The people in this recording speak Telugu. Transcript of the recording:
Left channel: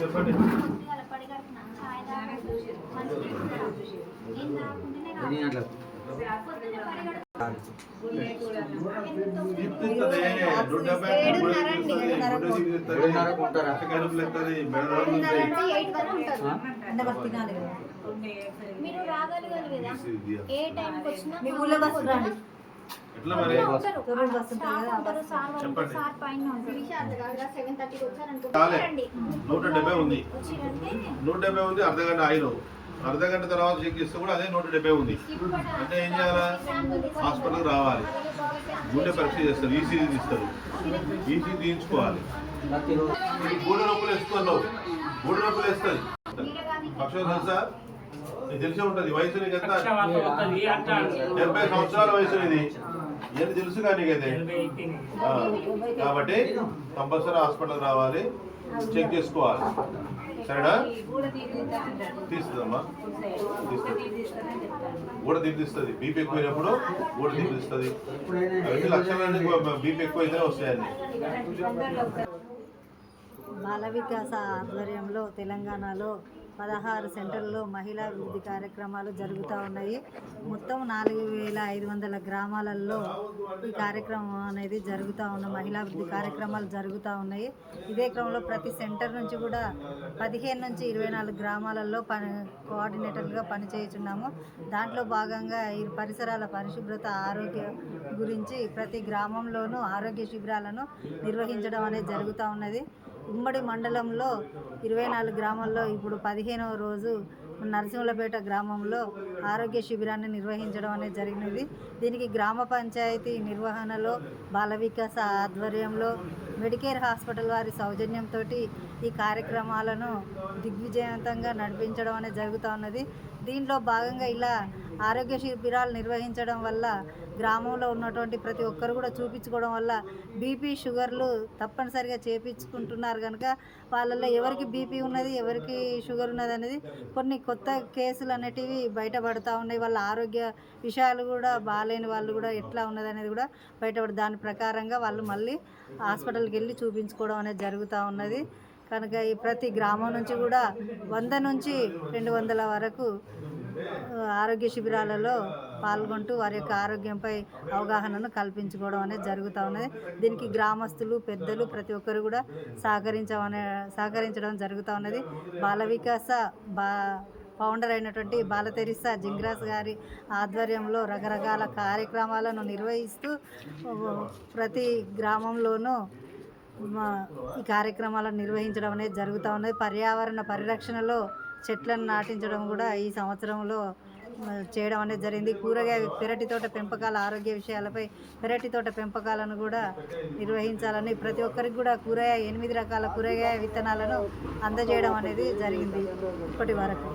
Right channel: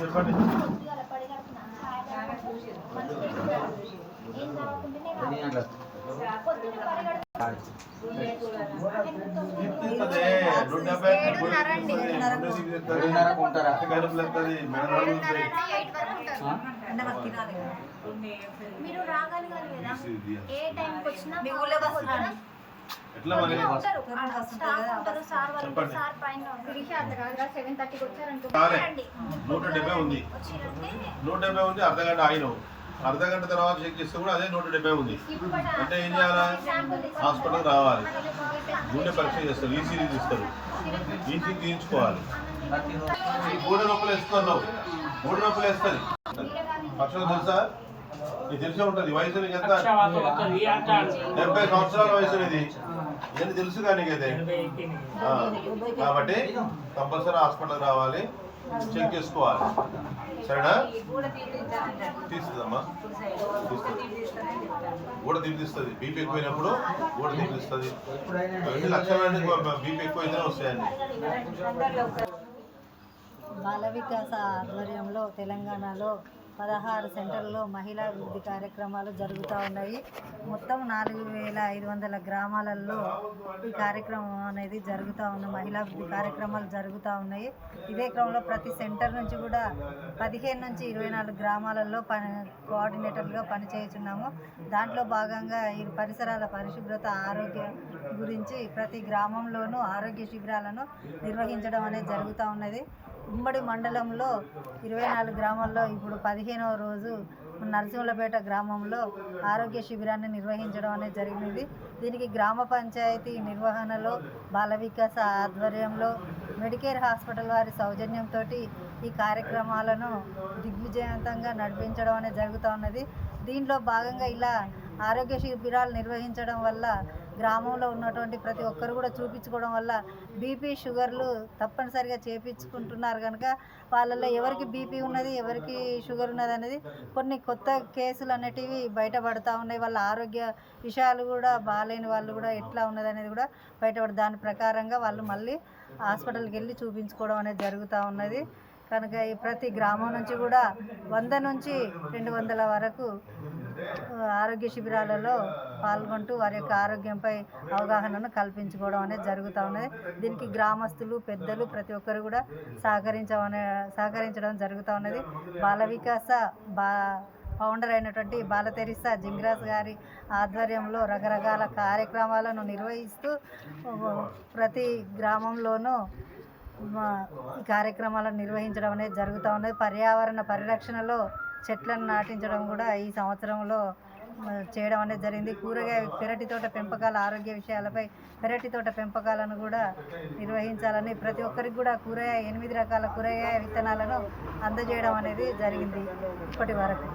చెప్పండి. మీరు రాగలగాలి కదా, ఏ టైంకి వచ్చినా మీ ఊళ్ళో బస్సు రండి. ఎట్లా మరి సార్ పైన 7:30కి వచ్చారనుకో 170 ఉంది, 170 ఉంది. అర్ధగంట ఆయన అర్ధగంట తర్వాత చెక్ చేస్తే కూడా అదే 170 ఉంది. అంటే ఏం చేయాలి? హాస్పిటల్ రావాలి, గుండె పరీక్ష చేస్తారు, ఈసీజీ తీస్తారు, ఈసీజీ తీయించుకోవాలి. గూడె నొప్పులు వేస్తున్నావు, గూడె నొప్పులు వేస్తుంది. పక్షం తెలుసా? నీకు తెలిసే ఉంటుంది. వయసు నీకు ఎంత? 70 సంవత్సరాల వయసు ఇది. ఇవన్నీ తెలుసు కానీ నీకైతే. కాబట్టి కంపల్సరీ హాస్పిటల్ రావాలి, చెక్ చేసుకోవాలి. సరేనా? తీస్తుందమ్మా, కూడా తీపిస్తుంది. బీపీ ఎక్కువైనప్పుడు కూడా తీపిస్తుంది. లక్షల బీపీ ఎక్కువైతేనే వస్తాయండి. బాల వికాస ఆధ్వర్యంలో తెలంగాణలో 16 సెంటర్లలో మహిళా అభివృద్ధి కార్యక్రమాలు జరుగుతూ ఉన్నాయి. మొత్తం 4500 గ్రామాలలో ఈ కార్యక్రమం అనేది జరుగుతూ ఉన్న మహిళా అభివృద్ధి కార్యక్రమాలు జరుగుతూ ఉన్నాయి. ఇదే క్రమంలో ప్రతి సెంటర్ నుంచి కూడా 15 నుంచి 24 గ్రామాలలో కోఆర్డినేటర్లుగా పనిచేస్తున్నాము. దాంట్లో భాగంగా ఈ పరిసరాల పరిశుభ్రత, ఆరోగ్య గురించి ప్రతి గ్రామంలోనూ ఆరోగ్య శిబిరాలను నిర్వహించడం అనేది జరుగుతూ ఉన్నది. ఉమ్మడి మండలంలో 24 గ్రామాల్లో ఇప్పుడు 15వ రోజు నరసింహులపేట గ్రామంలో ఆరోగ్య శిబిరాన్ని నిర్వహించడం అనేది జరిగినది. దీనికి గ్రామ పంచాయతీ నిర్వహణలో బాల వికాస ఆధ్వర్యంలో మెడికేర్ హాస్పిటల్ వారి సౌజన్యంతో ఈ కార్యక్రమాలను దిగ్విజయవంతంగా నడిపించడం అనేది జరుగుతూ ఉన్నది. దీంట్లో భాగంగా ఇలా ఆరోగ్య శిబిరాలు నిర్వహించడం వల్ల గ్రామంలో ఉన్నటువంటి ప్రతి ఒక్కరు కూడా చూపించుకోవడం వల్ల బీపీ, షుగర్లు తప్పనిసరిగా చేయించుకుంటున్నారు కనుక వాళ్ళల్లో ఎవరికి బీపీ ఉన్నది, ఎవరికి షుగర్ ఉన్నది అనేది కొన్ని కొత్త కేసులు అనేటివి బయటపడుతూ ఉన్నాయి. వాళ్ళ ఆరోగ్య విషయాలు కూడా బాగాలేని వాళ్ళు కూడా ఎట్లా ఉన్నది అనేది కూడా బయటపడి దాని ప్రకారంగా వాళ్ళు మళ్ళీ హాస్పిటల్కి వెళ్ళి చూపించుకోవడం అనేది జరుగుతూ ఉన్నది. కనుక ఈ ప్రతి గ్రామం నుంచి కూడా 100 నుంచి 200 వరకు ఆరోగ్య శిబిరాలలో పాల్గొంటూ వారి యొక్క ఆరోగ్యంపై అవగాహనను కల్పించుకోవడం అనేది జరుగుతూ ఉన్నది. దీనికి గ్రామస్తులు, పెద్దలు ప్రతి ఒక్కరు కూడా సహకరించడం జరుగుతూ ఉన్నది. బాల వికాస ఫౌండర్ అయినటువంటి బాల తెరిసా జింగ్రాస్ గారి ఆధ్వర్యంలో రకరకాల కార్యక్రమాలను నిర్వహిస్తూ ప్రతి గ్రామంలోనూ ఈ కార్యక్రమాలను నిర్వహించడం అనేది జరుగుతూ ఉన్నది. పర్యావరణ పరిరక్షణలో చెట్లను నాటించడం కూడా ఈ సంవత్సరంలో చేయడం అనేది జరిగింది. పెరటి తోట పెంపకాల ఆరోగ్య విషయాలపై పెరటి తోట పెంపకాలను కూడా నిర్వహించాలని ప్రతి ఒక్కరికి కూడా 8 రకాల కూరగాయ విత్తనాలను అందజేయడం అనేది జరిగింది ఇప్పటి వరకు.